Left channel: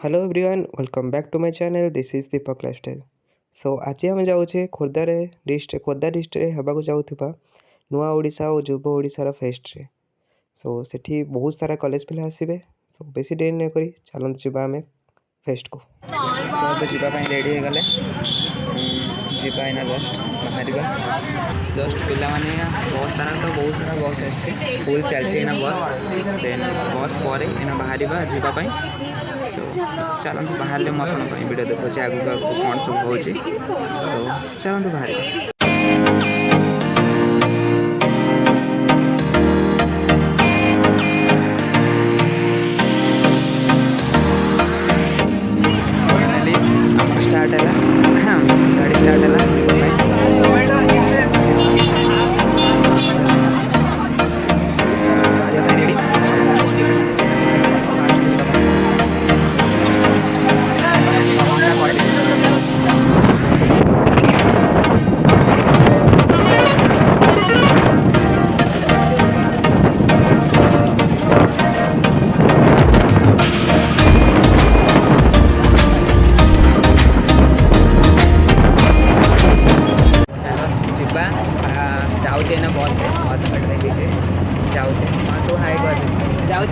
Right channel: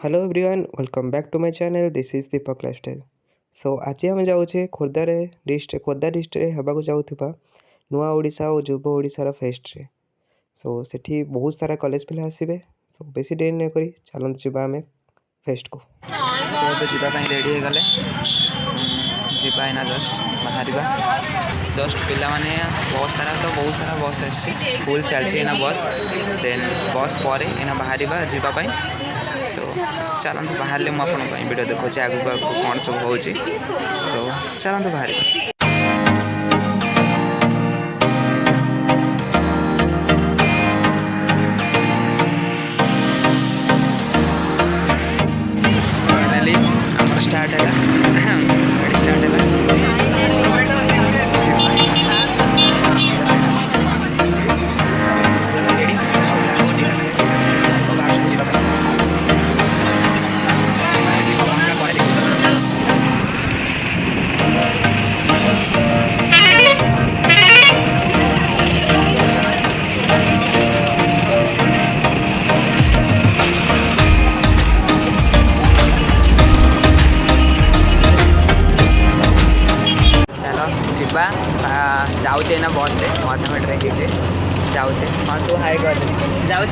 Hello everyone welcome back to my channel this is Deepak lifestyle. So आज आम जाऊे खोर्धार डिस्ट्रिक्ट खोर्धा डिस्ट्रिक्ट होगा जाऊा नुआ ओडिशा और युव ओडिशार फेस्ट रे। सो सेठी बहुत सारा कॉलेज पिला आसबे। सो बेसी देर नहीं करी चलते जावा आम फेस्ट को। सो जावाई रेडी हो गले जाइना जस्ट बाहर जस्ट पिला माने बस सारा तो बहुत सारा बस आसी फुल चलती बस देन बस पर इना बाहर जावाई। तो चलतु बाहर मुझे वीडियो देखा आगू आगू कौन सब हो। तो चलतु बाहर फाइनली आम स्टार्ट है। जाऊे ना बस से अध घंटे जाऊे हाँ तू हाई कर जाऊे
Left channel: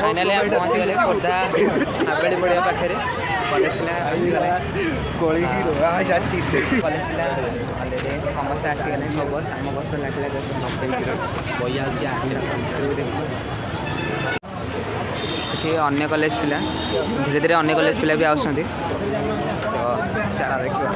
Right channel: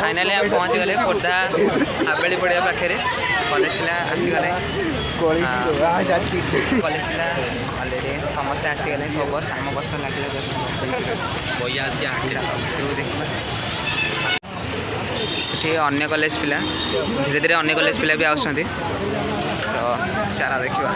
फाइनाली आप पहुँच गले खोर्धा हावेली पड़िया पाखे कॉलेज पिला आसीगले कॉलेज पिला अलरेडी समस्ते आसीगले सब बस आम बस तो लगे देखिए अन्य कॉलेज पिला धीरे धीरे अन्य कॉलेज पिला भी आसुँच तो चला देखा।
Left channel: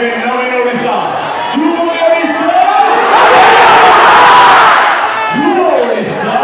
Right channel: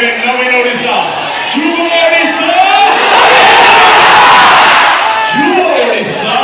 नवीन ओडिशा युवा ओडिशा युवा ओडिशा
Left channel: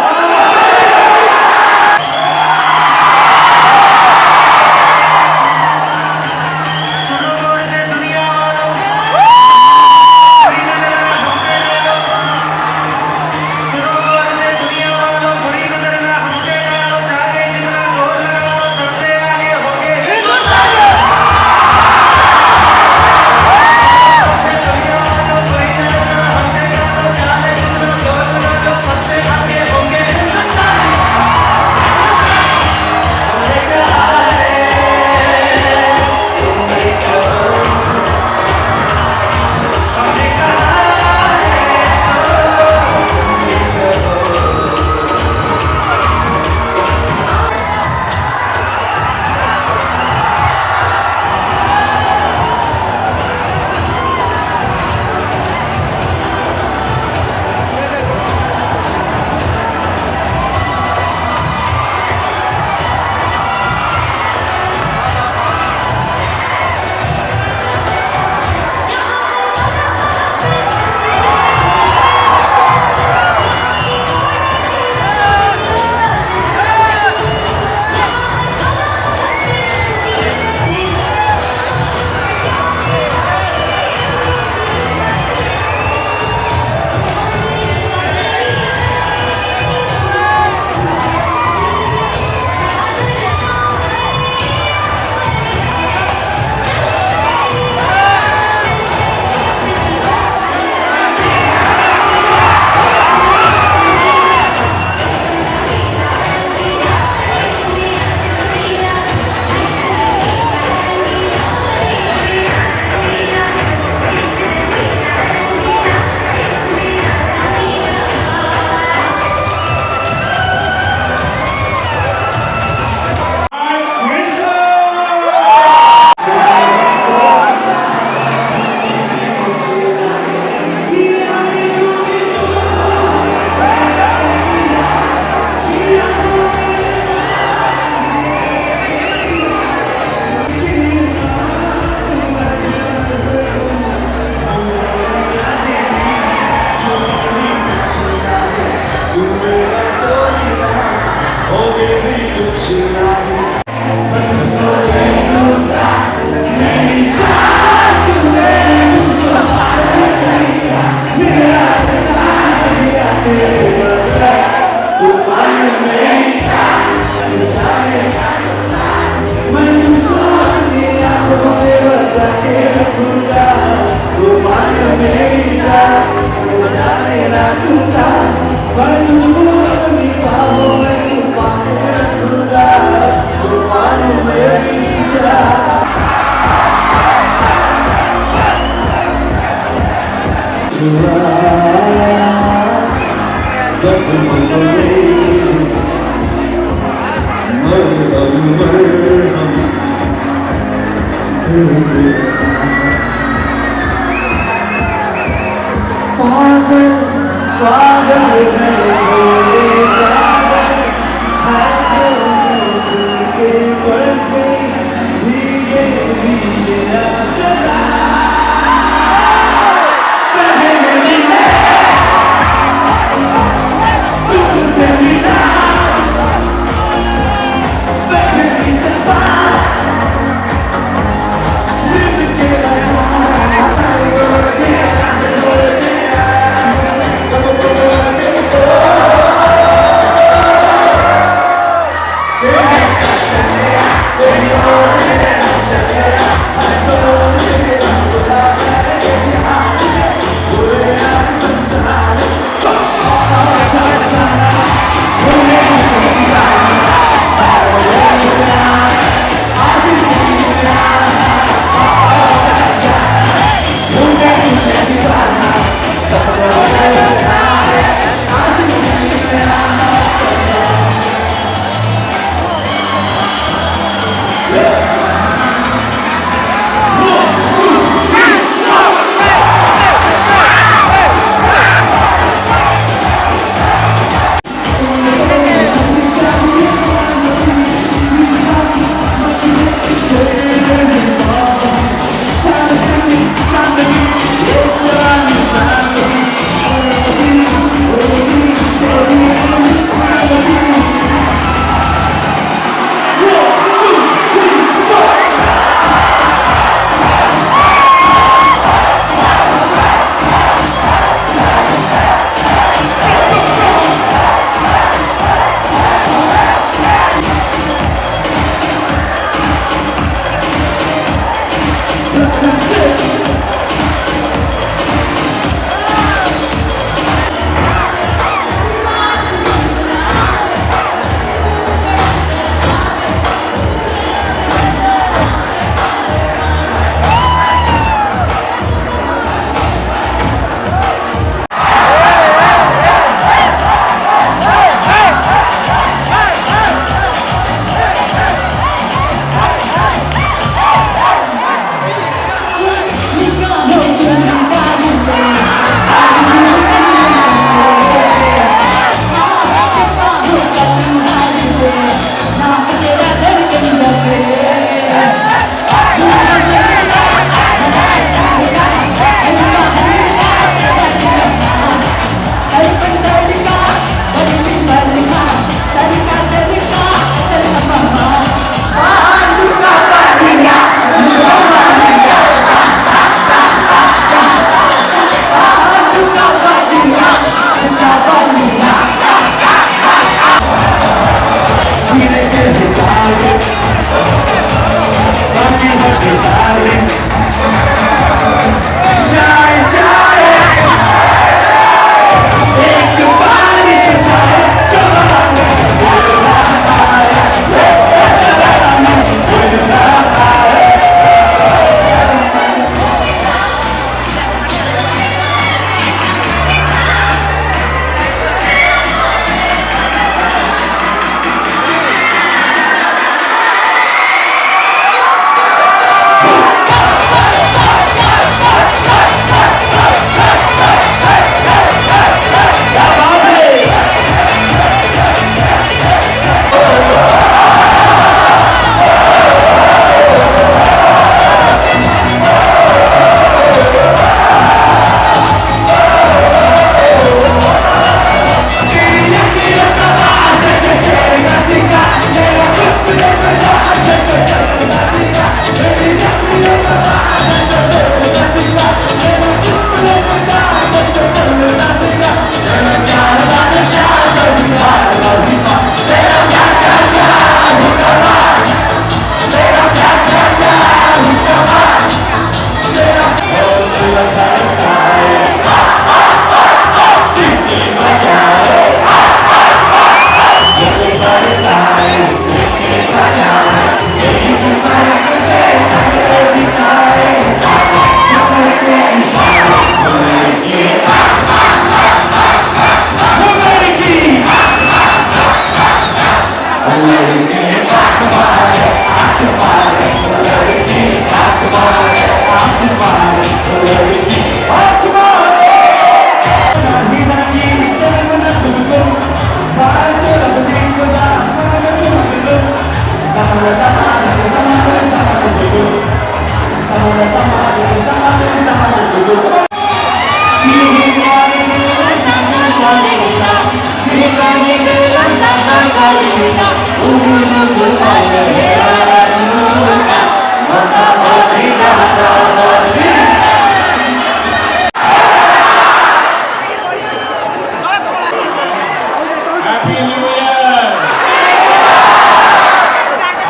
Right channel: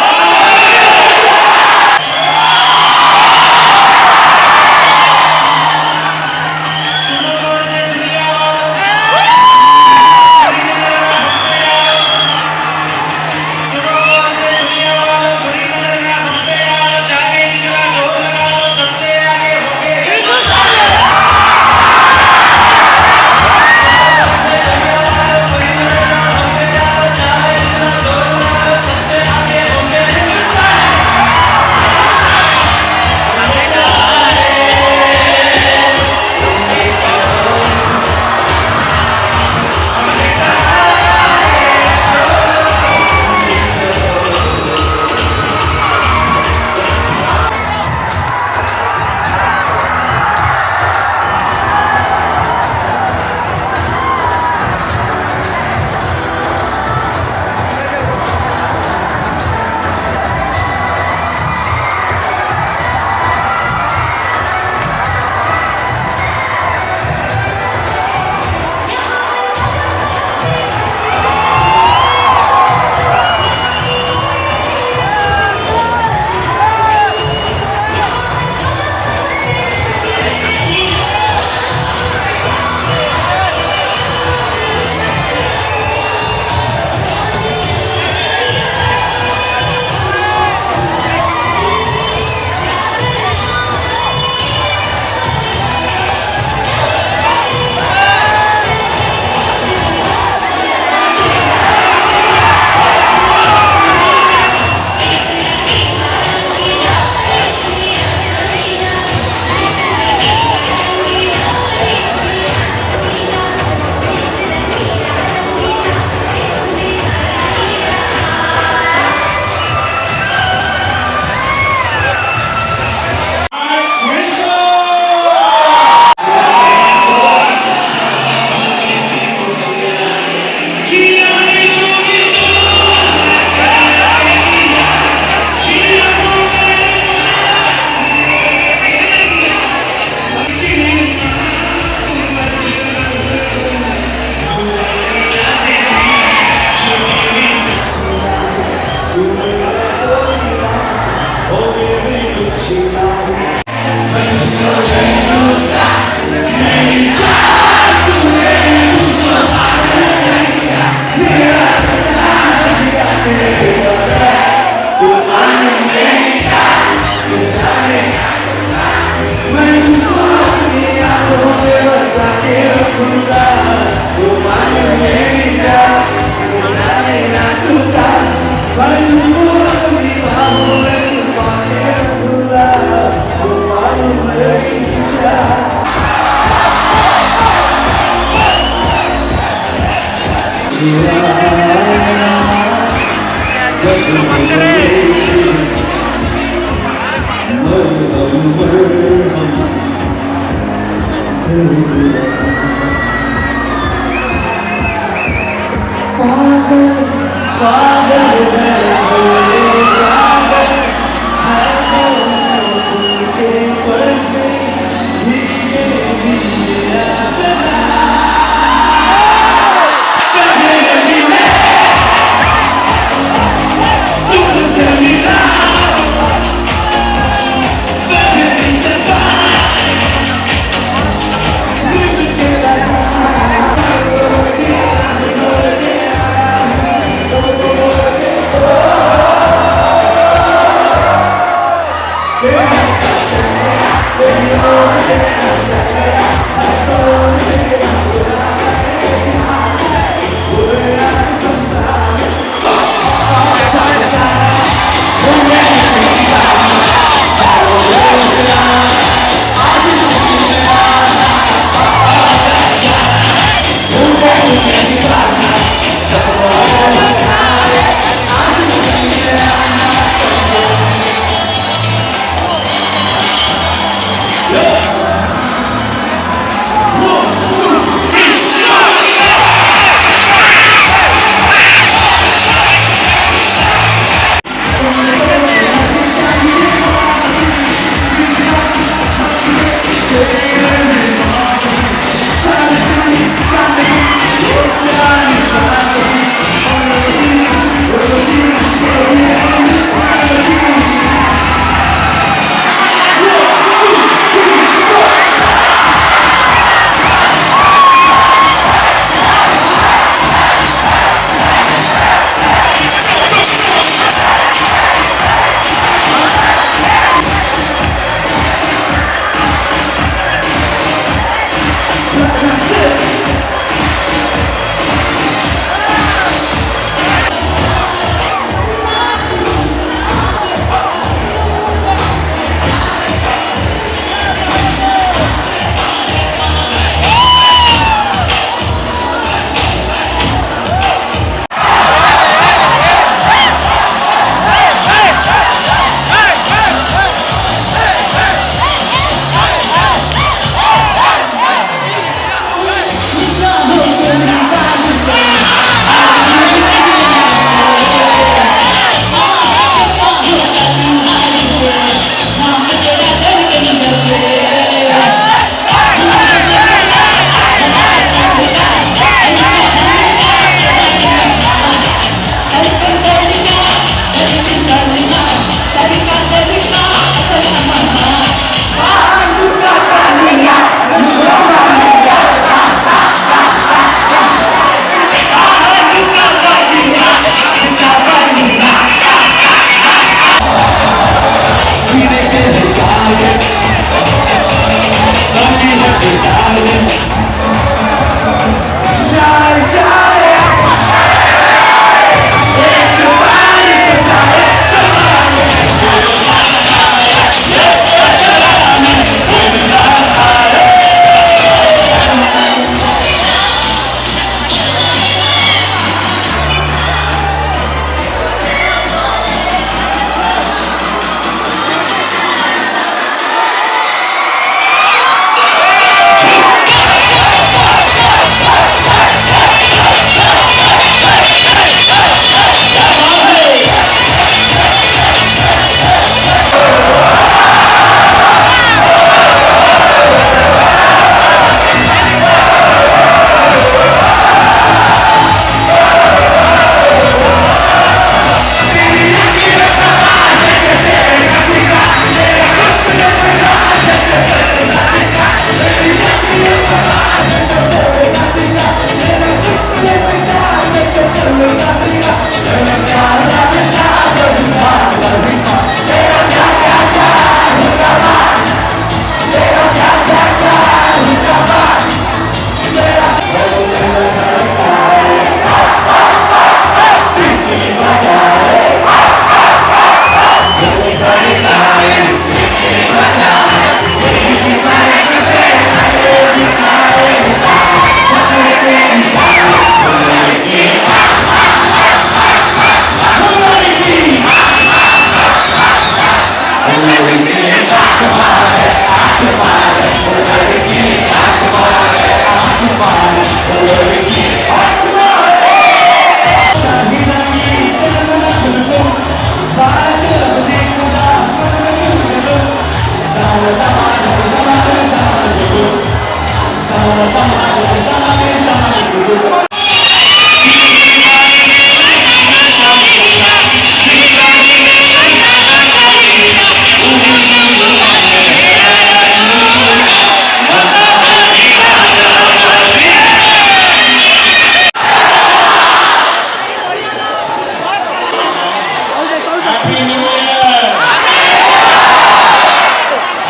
Happy New Year!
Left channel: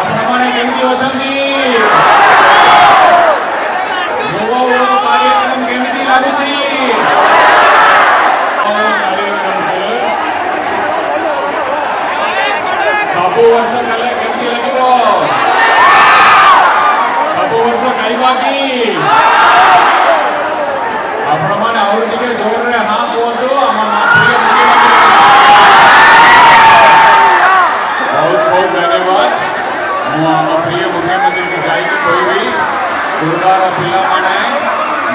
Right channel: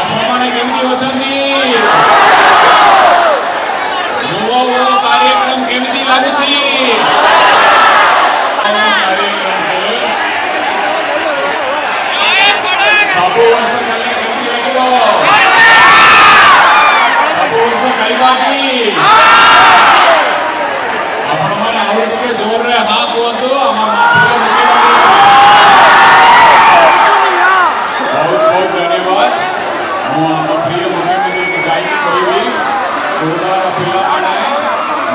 ଆପଣମାନେ କେମିତି ଅଛନ୍ତି? Nua-O कार्यक्रम କେମିତି ଲାଗୁଛି? कार्यक्रम ସବୁ ବର୍ଷ କଲେ କେମିତି ଲାଗିବ? ସବୁ ବର୍ଷ ଖାଇବା କି? ଆପଣମାନେ ଆଉ ଟିକେ ଜୋରରେ ହଁ କୁହନ୍ତୁ ଆମ ପ୍ରିୟ बहुत बहुत धन्यवाद मो प्रिय मुख्यमंत्री को जाइए कहबी खुर्दार पिला माने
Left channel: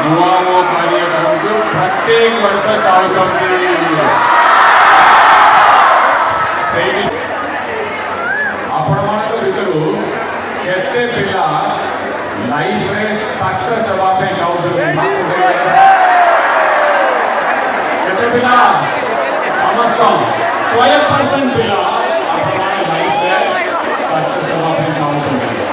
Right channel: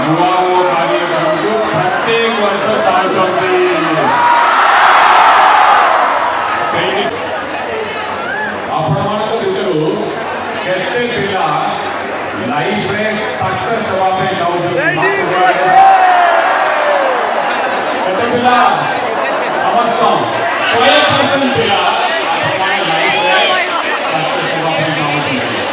Nua-O कार्यक्रम को प्रत्येक वर्ष चाहते सही आपण मानक भितर केते पिला लाइफ में सक्सेस हवा पे चाहते केते पिला समस्त 100% पिला सक्सेस हवा पे चाहते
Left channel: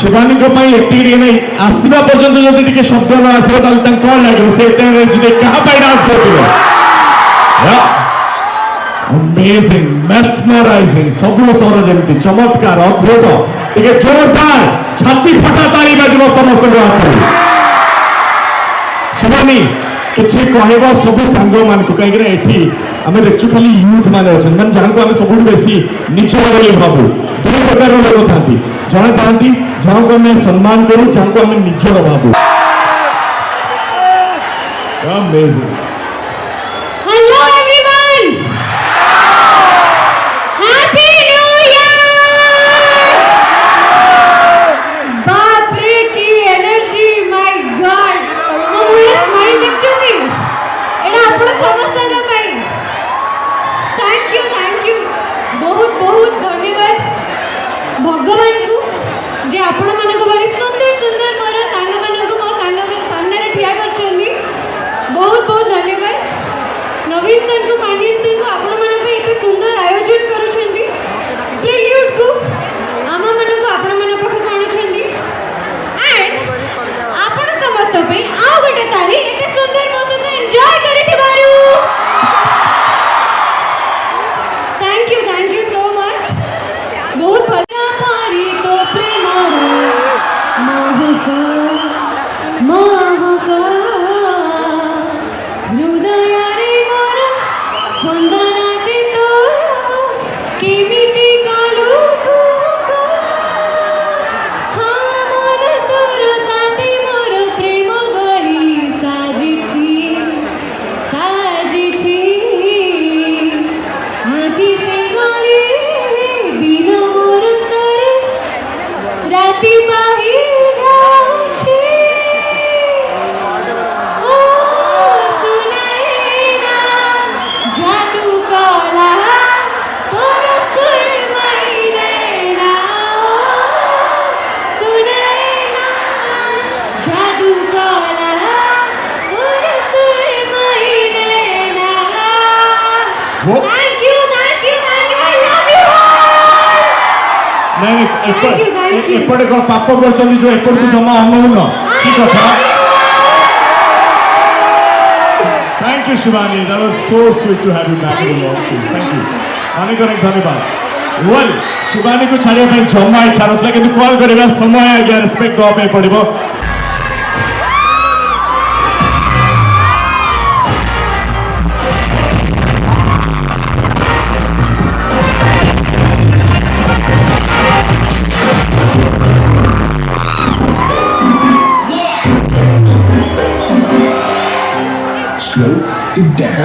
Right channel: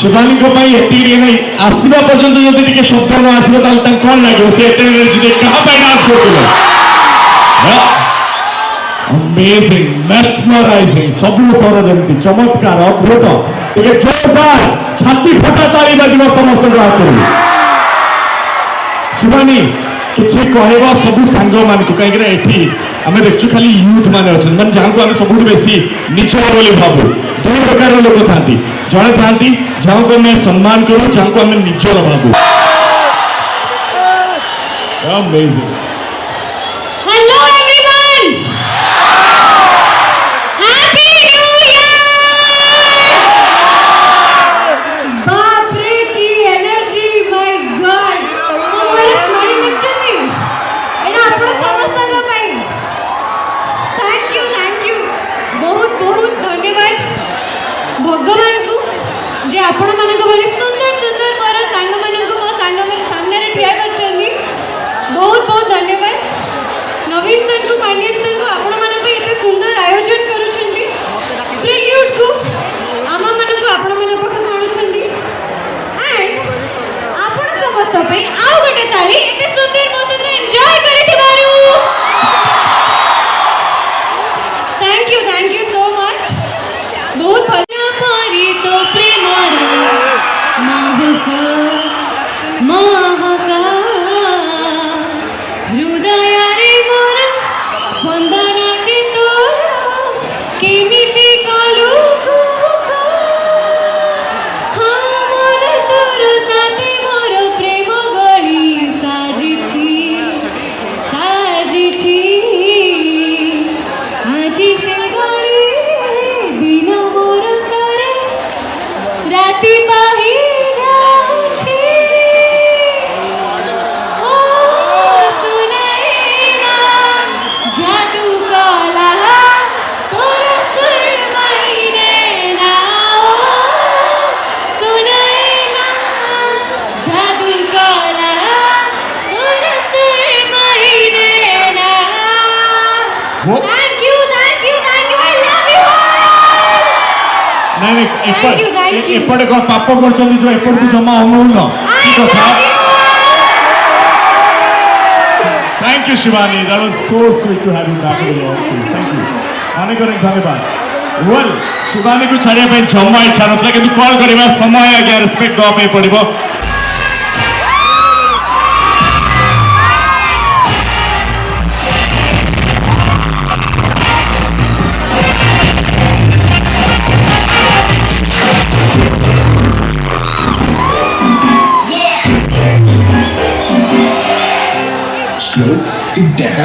शिवानी को पाई एतिरी नहीं आसवा पर्यंत जदि टिके शब्द न आसबो ताल तन कोन लागो से एते एनर्जी कहां पाई डांस करथुलो अमेजिंग मेस्मराइजिंग सबु सर जमती चमत्कार अद्भुत टिके जोरदार छाती फटा ताली बजबो समस्त गातो शिवानी किछि कहबो सबु सांग मान को कहि रे एठी हमें देखछु खाली यूथ माने अछन मन जान को हम सबुठ बेसी नीचे बोली भाबू दुई प्रकार लोक थांती जने थांती जहाँ को मैं सम्मान करूं जहाँ को हमें निजर भाबू hello everyone happy new year बाप रे की एनर्जी माय गॉड मोर स्माइल देखछथि एना आपण समस्त ना भाई थैंक यू बहुत बहुत धन्यवाद भगवान को जे आपण मानक भली सुंदर सुंदर मोर सांग मानक मो सांग मानक सामने ठिया करछन्नी बहुत बहुत धन्यवाद। नहीं Thank you, thank you. एपटे को पाप करछन जो एपट को जमा हमनु न ठीक कथा thank you Shivani that was so sweet to have you back in your office thank you अनेक धन्यवाद वेल शिवानी को छाड़िया पे जमा इच्छा नथला किंतु कॉल करबा समय आज्ञा रिस्पेक्ट दो पे पड़िबो Slow it down.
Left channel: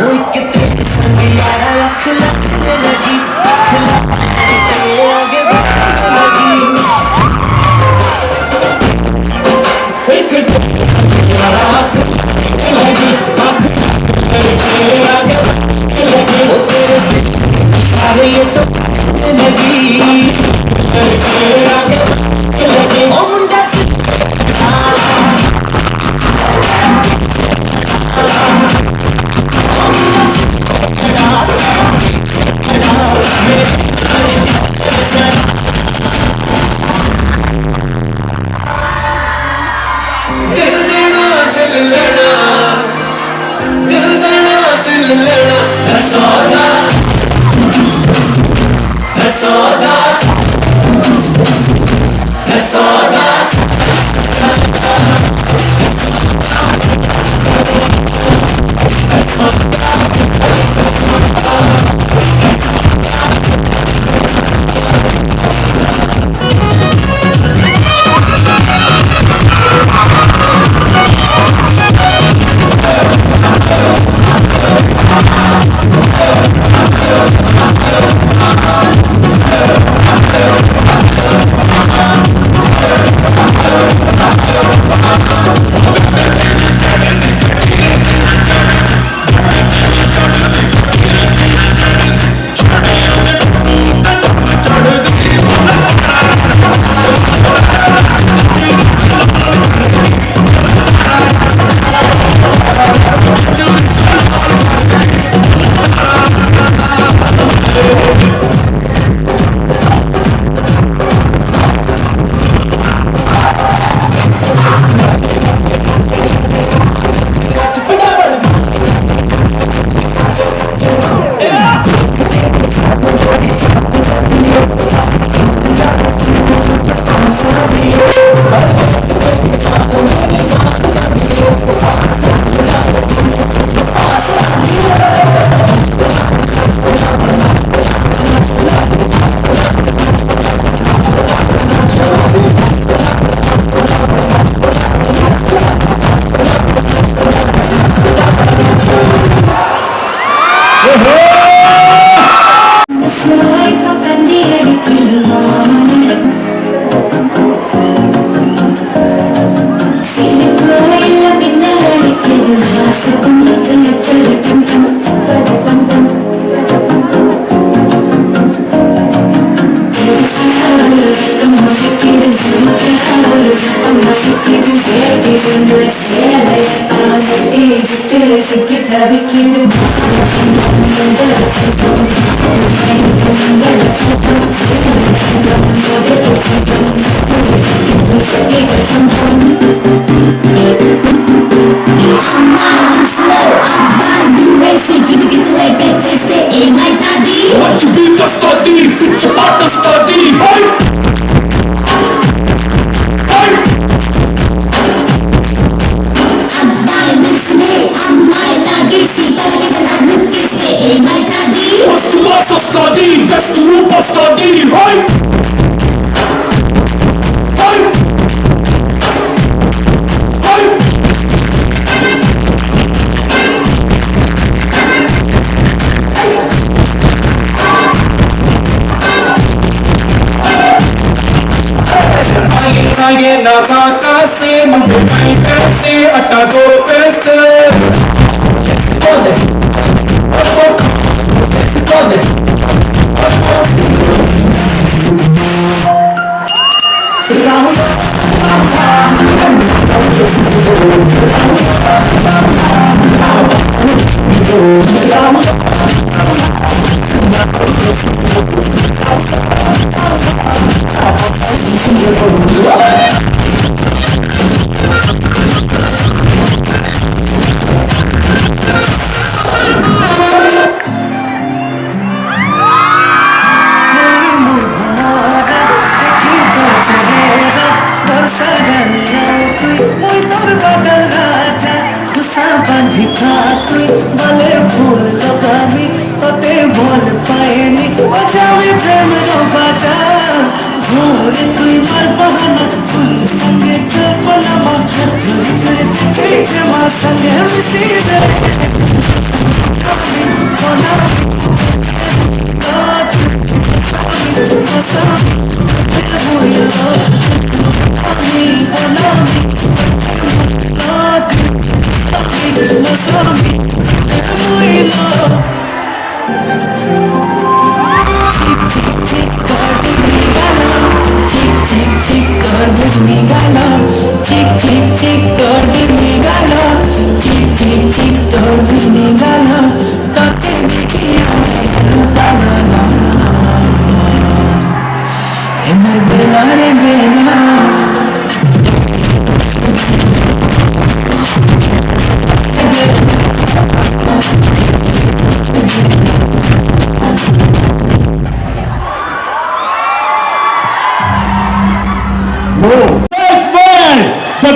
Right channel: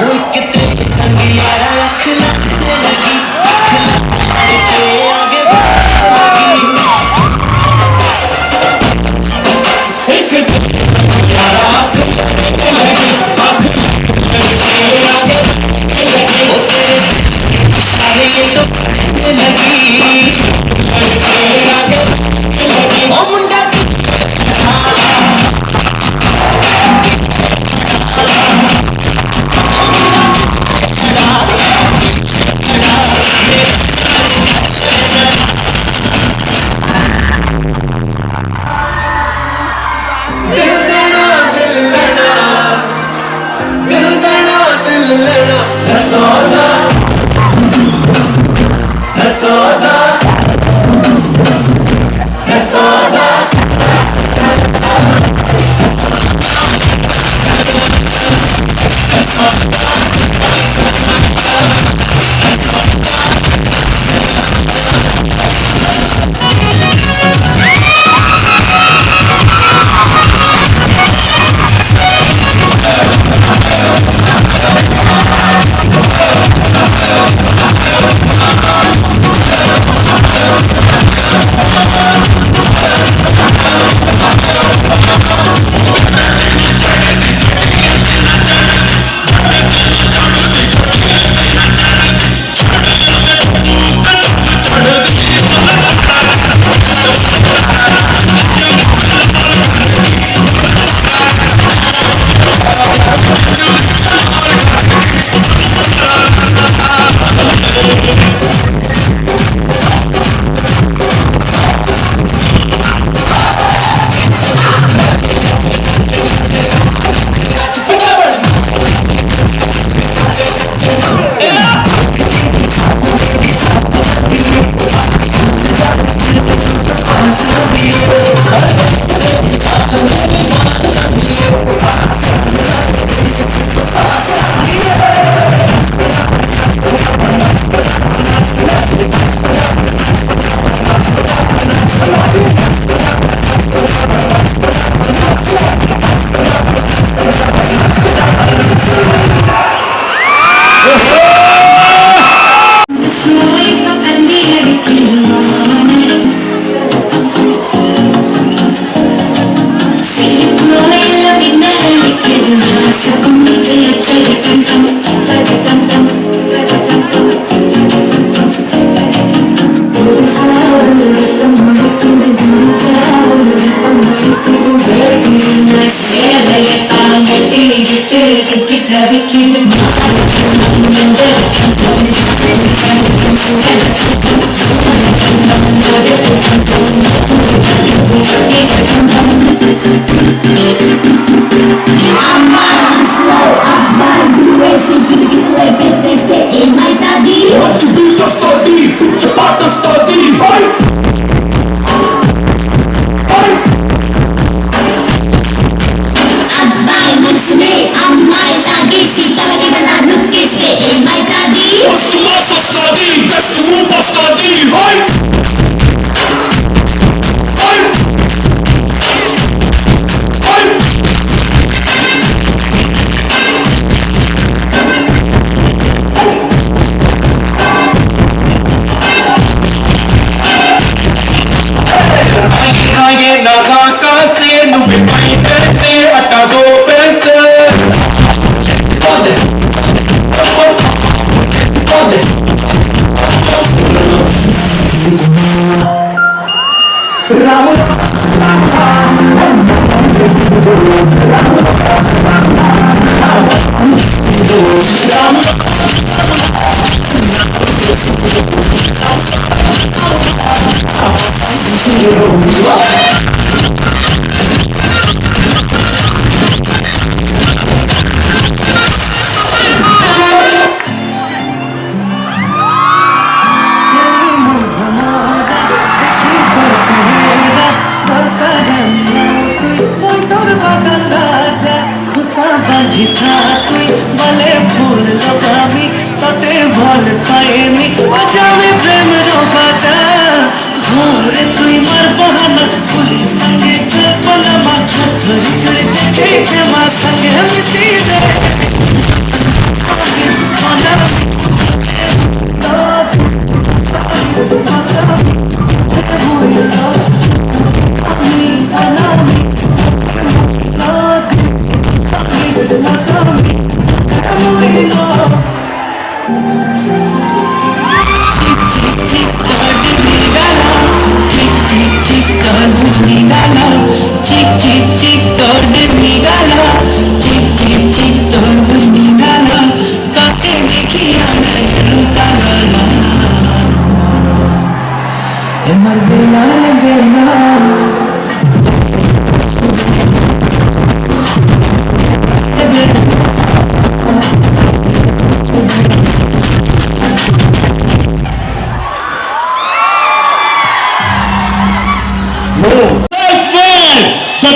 The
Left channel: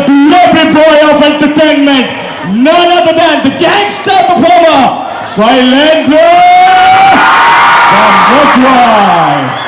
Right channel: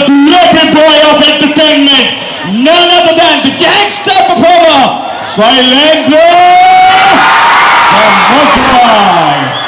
glory boy of entertainment, none other than the gangster performer, Silent from Mumbai.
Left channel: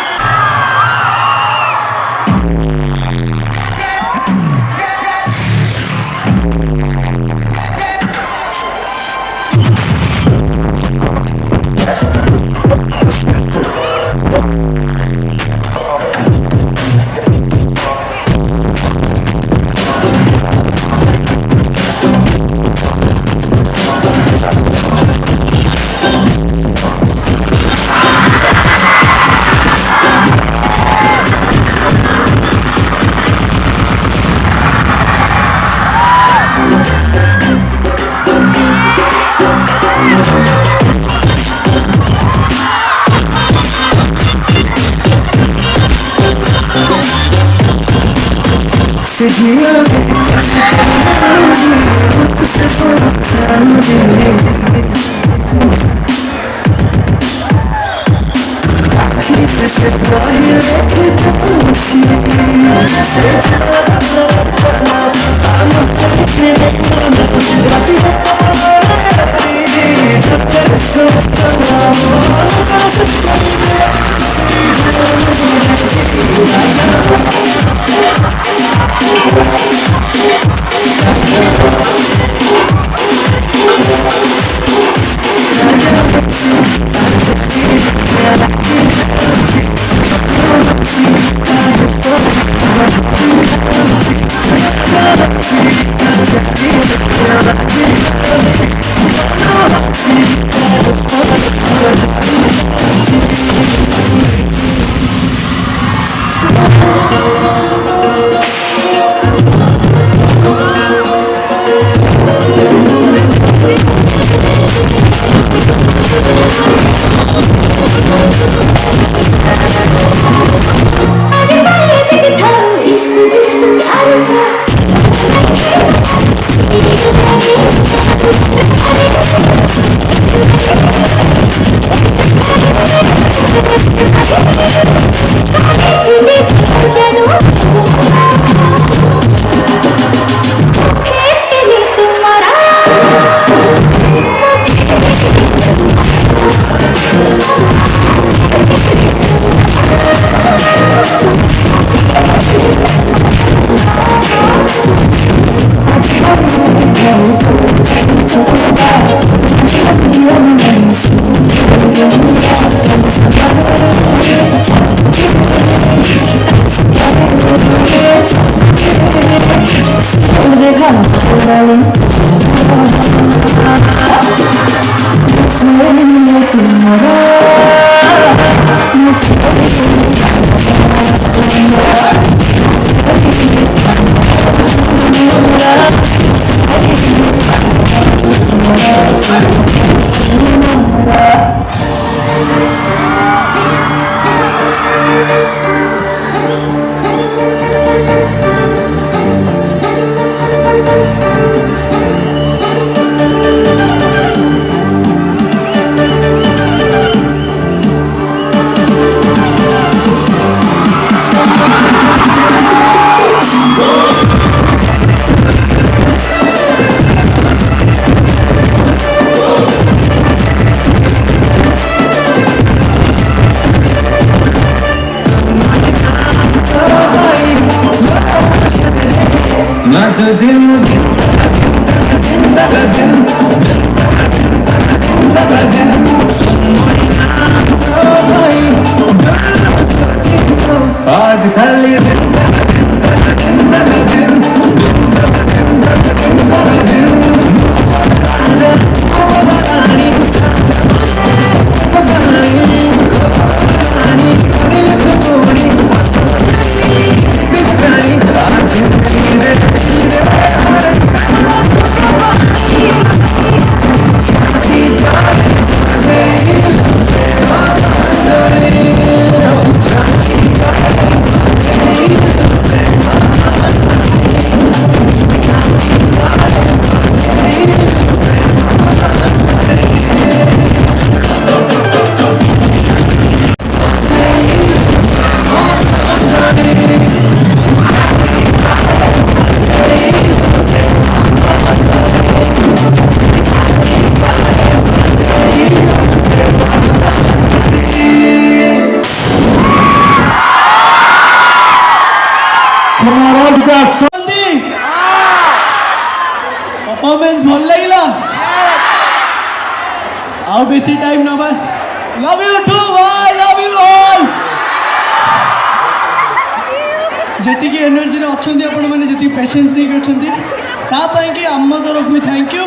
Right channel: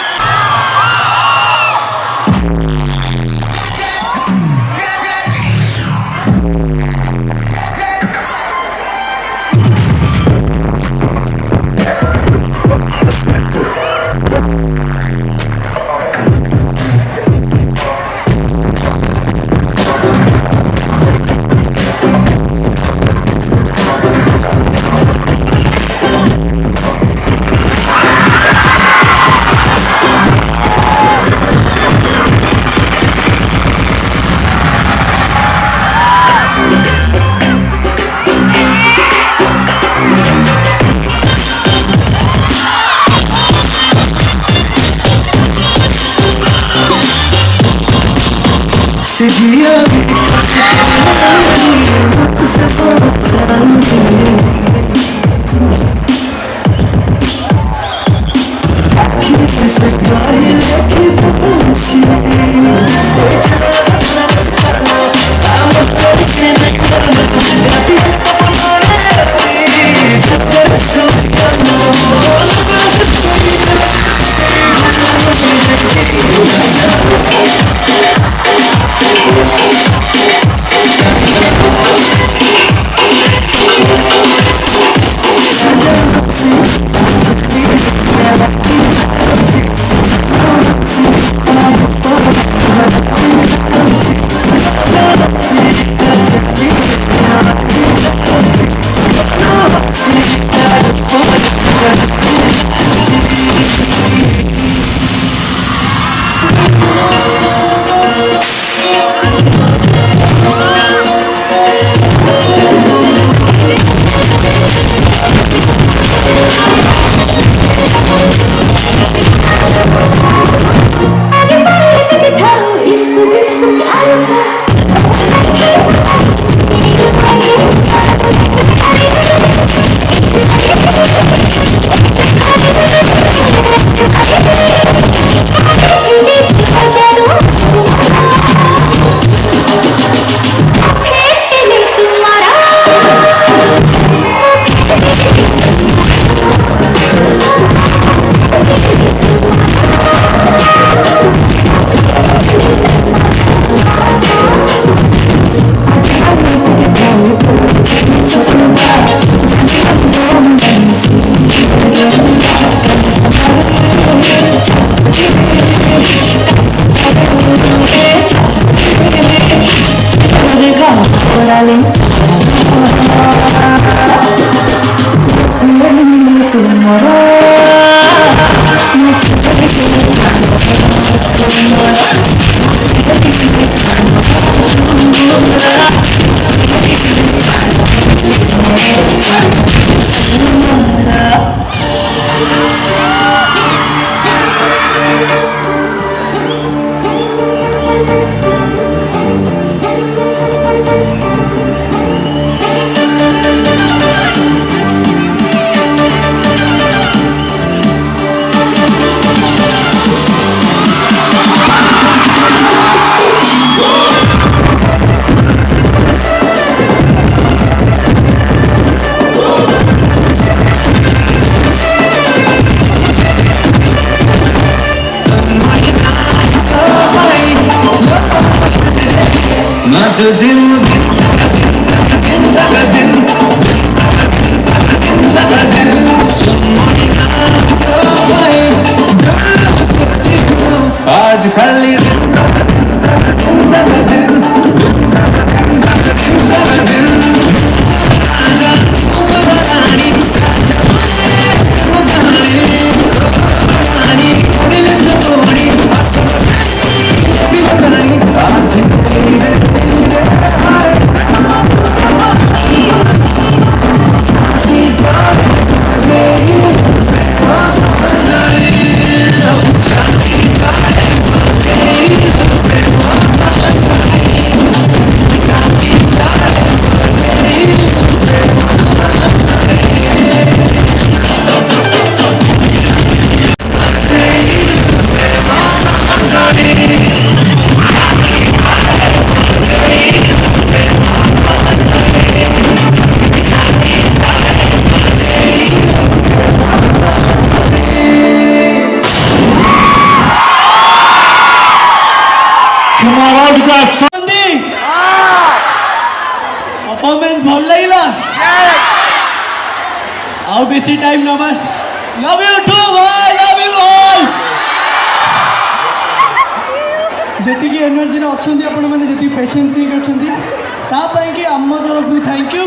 Patience नहीं कि आम तरफ थैंक यू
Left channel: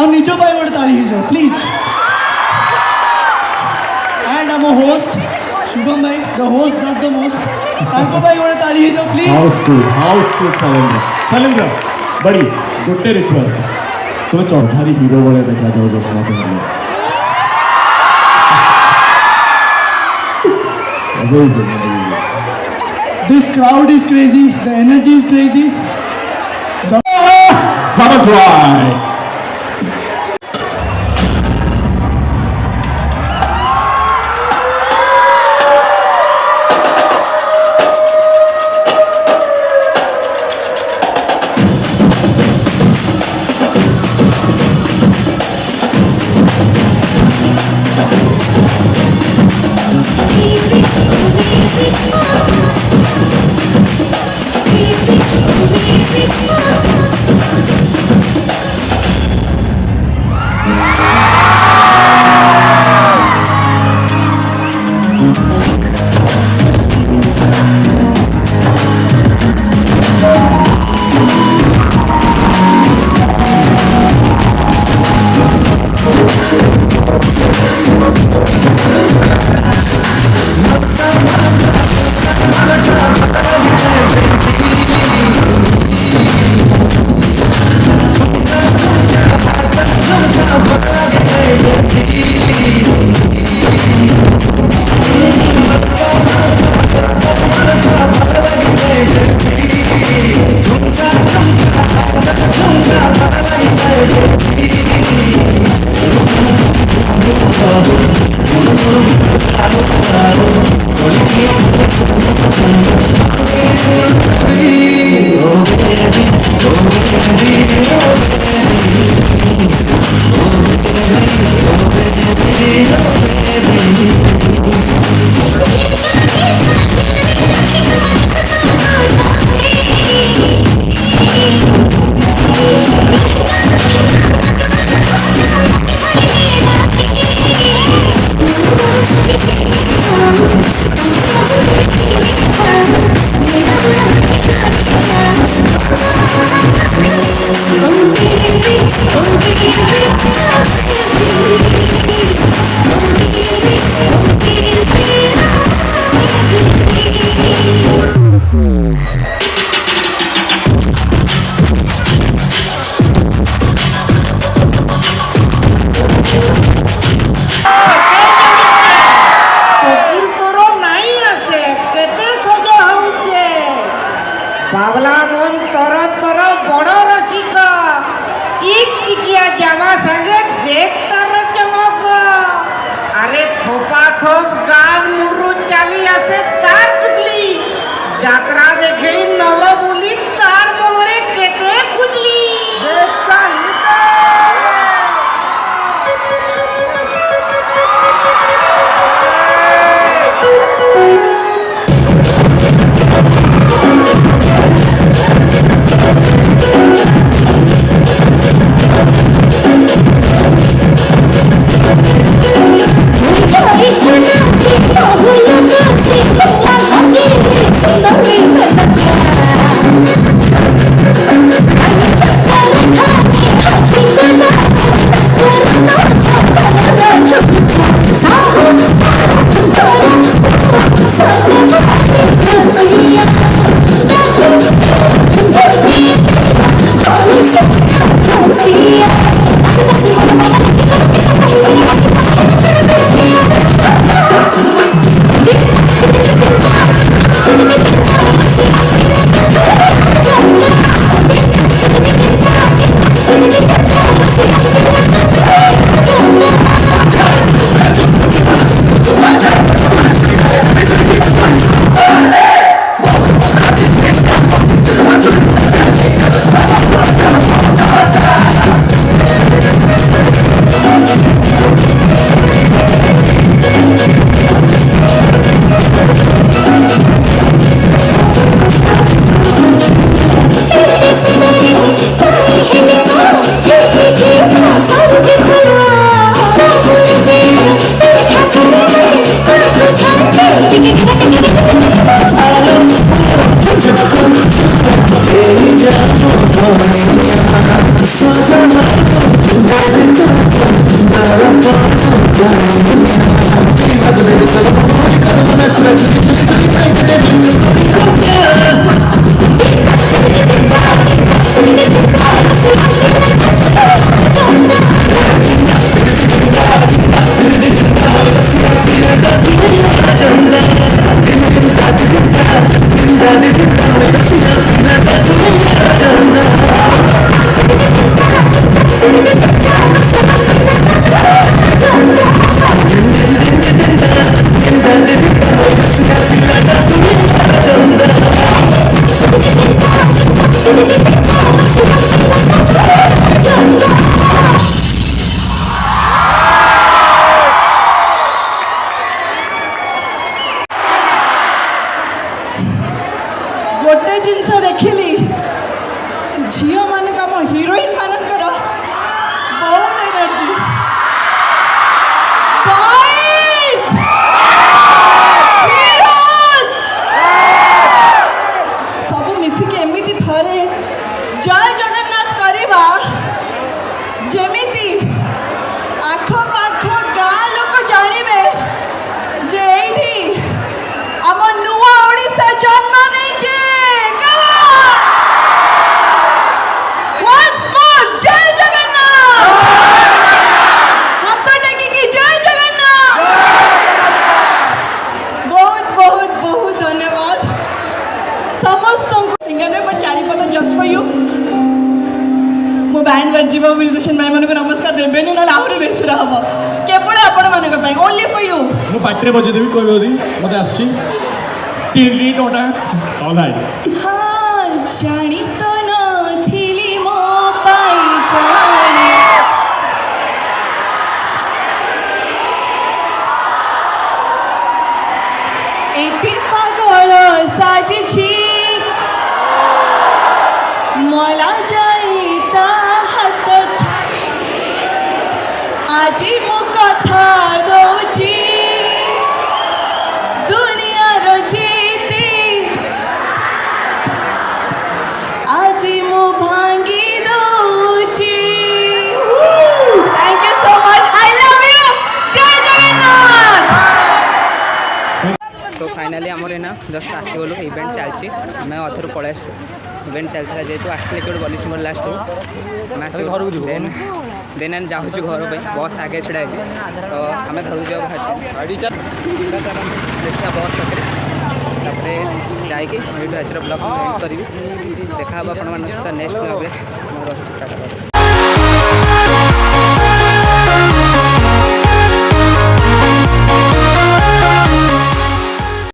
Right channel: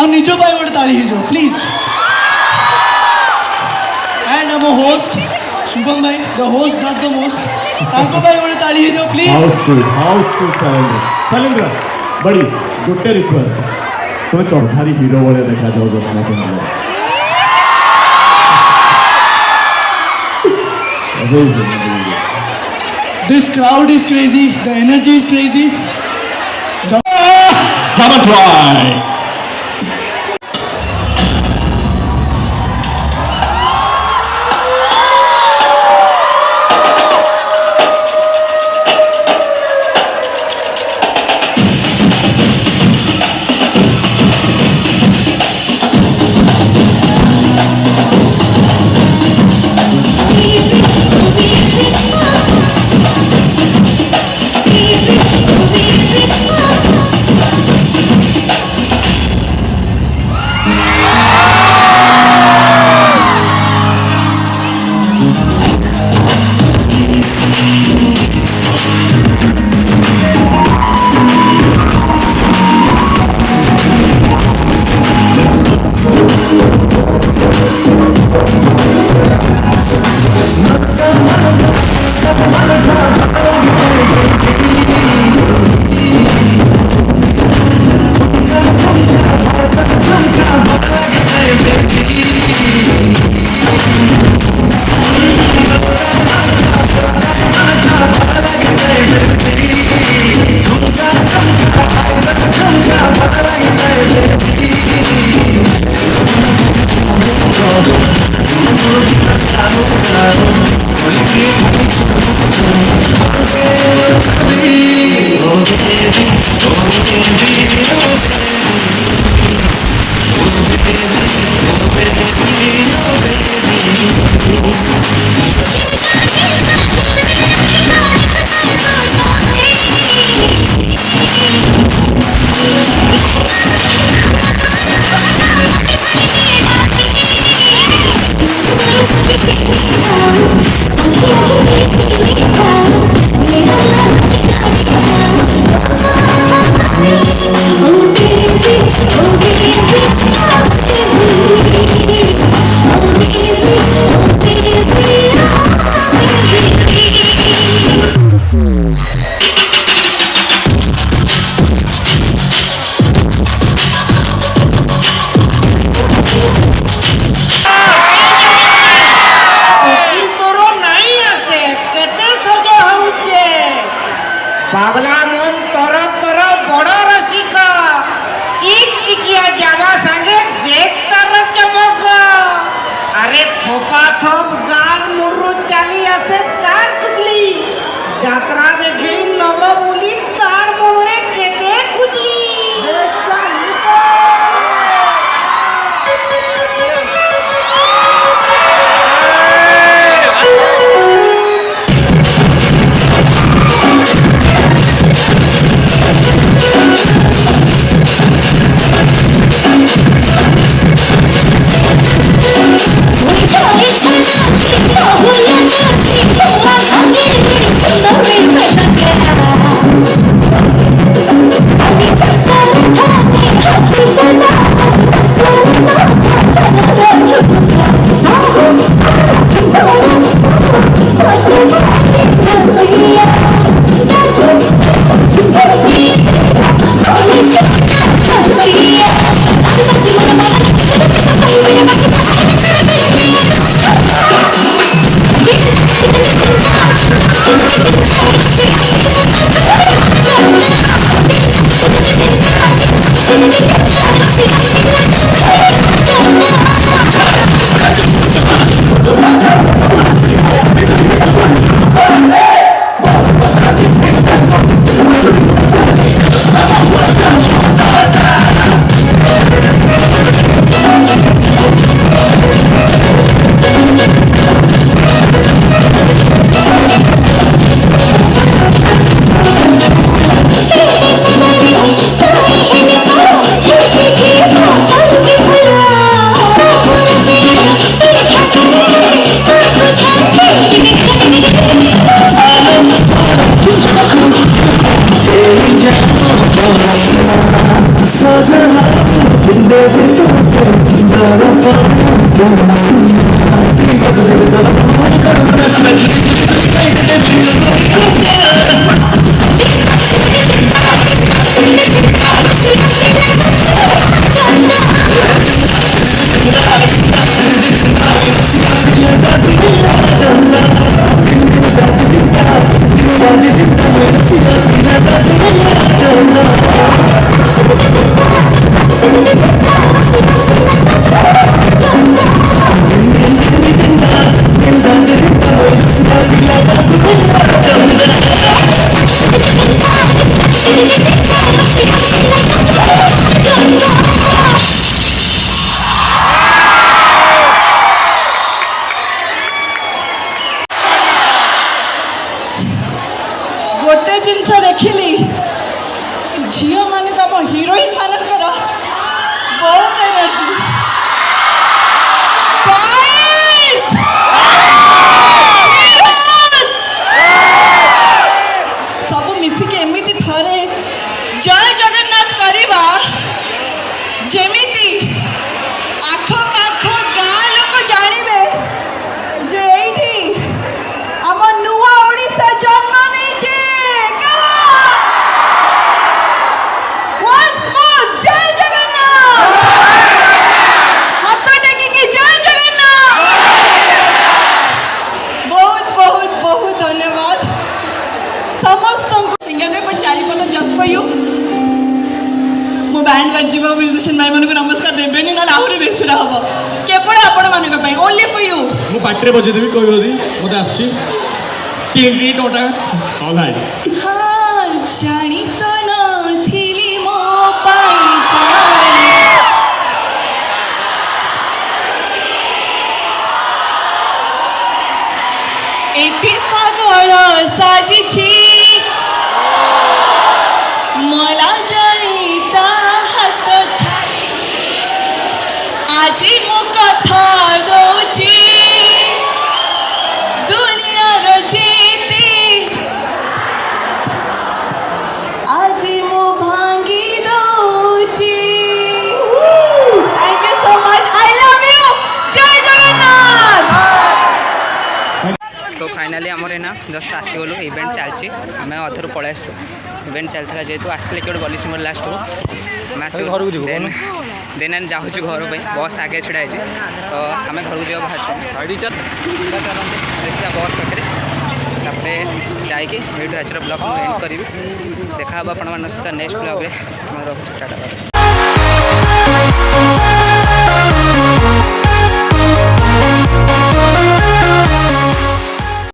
और निज गोटे ताली हो प्लीज एंड आम होस्ट शुभम भाई the host does the most गोटे ताली हो प्लीज शैलेंद्र बड़ी गोटे रिक्वेस्ट तुम्हें चौधारी हीरो वाले देखा दो जैसा तुम्हारे This crowd is crazy, the energy is crazy. Sabotage! Babla मन तर तर बड़ रसिका चिक चिकिया जामा संगे देख तार चमक अरे थोपा थोप गान मुरु चाली आसे तार कुजली जात्रा देखे नव बुली तार मोरे केते कुजली चाली Yeah. जिनस देखिली झील मान हिरोइन मानकर बहुत एनर्जी सब मिसिके एमती थरे जय जगन्नाथ करवा जेमिति आख पाख गाँ लोक जानवे जे एठी आम नुआ ओडिशा जन्म नहीं once more जय जगन्नाथ हाथ टेकी की जय जगन्नाथ बहुत बहुत बहुत धन्यवाद समस्त सिंगर में पर चारिपद जस्ट फॉर यू मो बैंड बजीबा म्यूजिशियन भाई मानक नमस्कार देबेनी ना आहुरी बेसुरा हबो केवल आपण मानक पई ओनली फॉर यू ମୁଁ ପାଟିରେ ବଜେଇ ଦେବି କହିବ ଯଦି ମୋତେ ଆସୁଛି ତିନି ଟଙ୍କା ଅଲ୍ ହାଇ हाँ जानी तो नथिली मो पाई जानी एति पागल साजिछि मला जाई ता हात छाडी आजी मो कथा दउछि दुनियार जीती आजी मो भांगी दउछि thank you so much I love you जय जगन्नाथ सो फाइनाली आमर एना जस्ट आसीगलु इवेंट चलची आम अधर पलि आसू इवेंट चलता जेहतु आसते कि बली सिंगर लास्ट को आम आसगलु देन आम जाऊँ घर पर बस आगे छिड़ा है तो आम घर को जा बाहर देखा बस पाखे तापर जाकि आज ब्लग मुझे एंड करी देखा आप सहित नेक्स्ट ब्लग में टाटा।